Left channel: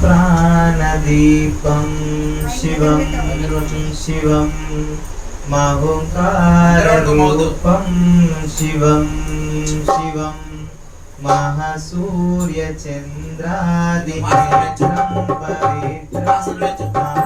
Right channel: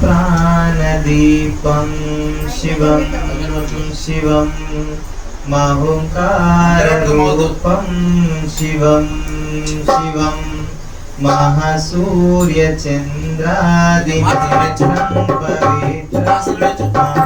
प्राणदीपं शिवं शिवं महुकाररूपं शिवं शिवं महासूर्यचन्द्रादिमित्रं पवित्रम्